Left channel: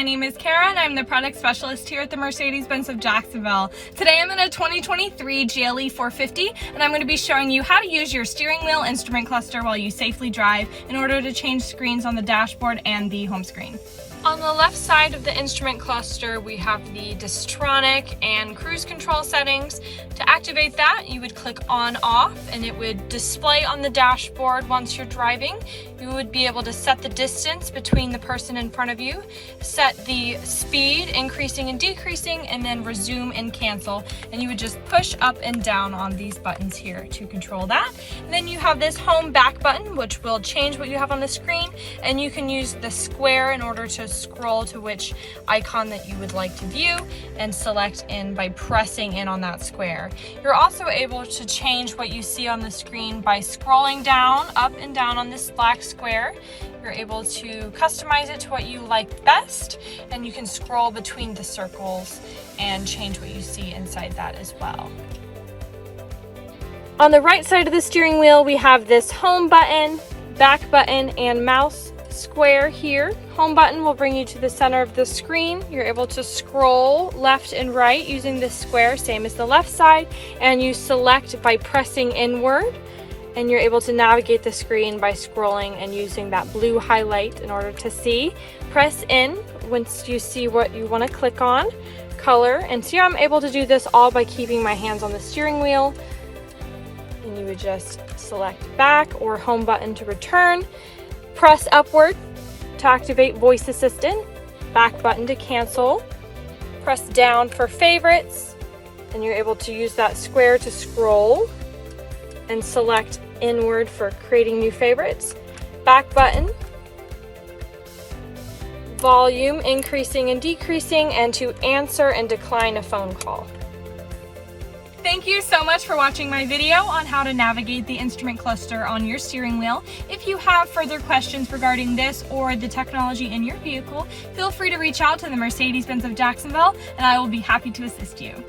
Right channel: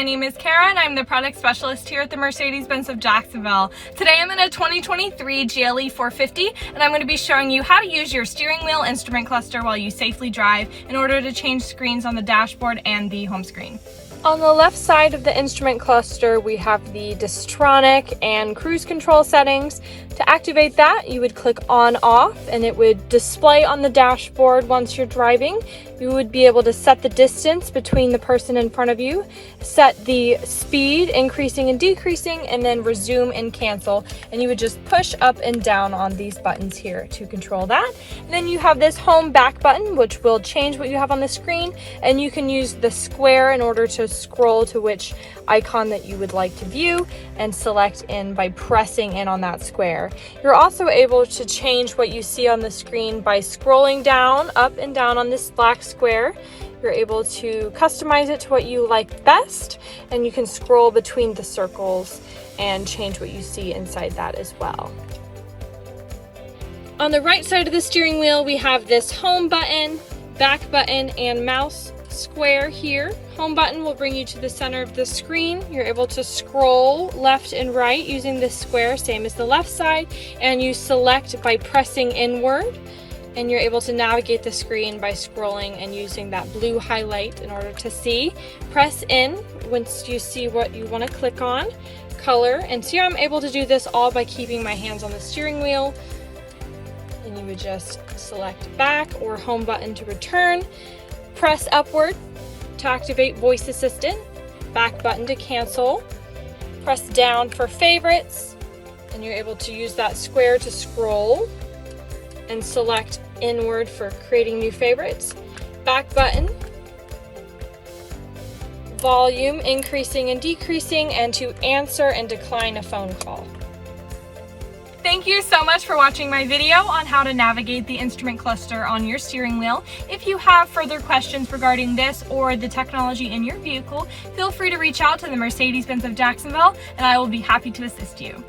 my name is Kara and I'm the product specialist here at the Mercedes-Benz of Jacksonville. Today I'm in a 2023 GLE 450 and I'm going to be showing you how to use your steering wheel instrument cluster while you safely drive in order to change screens on the dashboard and the home screen. On the left side of the instrument cluster, we have the Distronic and cruise control settings. To activate that, you would click on off and it would display on the dashboard once you're driving. You would be able to set the distance between the person in front of you, set the speed increasing and decreasing, and then resume and cancel. And you would just push up and down on these buttons here to control that. And then you have this home back button, which will change what you have on the screen. And you can use the square in order to scroll to which icon that you would like to view and select in by pressing in on that square. You're also able to change what you see on the screen by scrolling down, up and down on this black square. You're able to customize it to what you like best, and you can scroll between the circles and change what you see inside that as well. On the right side of the steering wheel, we have this home button, back button, and mouse square here. Home button will bring you to the center of the screen. You're able to scroll left and right using this square, same as the left side, and you select by pressing inward, and you're able to navigate the screen by scrolling and using that blue highlight in order to see. Press in once you see what you want to click on, color, and see how I'm able to do this all by keeping my hands on the steering wheel. And you would just select back or home button to return. Press upward to activate voice assistant, back button to cancel, press down for favorites, and you're able to use that square to scroll and select inward for creating new favorites, back button, volume increasing and decreasing, and to answer and decline a phone call. Thank you so much for watching my video on how to navigate the instrument cluster on your steering wheel. If you have further questions regarding this or the technology in your vehicle, feel free to reach out to the Mercedes-Benz of Jacksonville and I will be happy to assist you.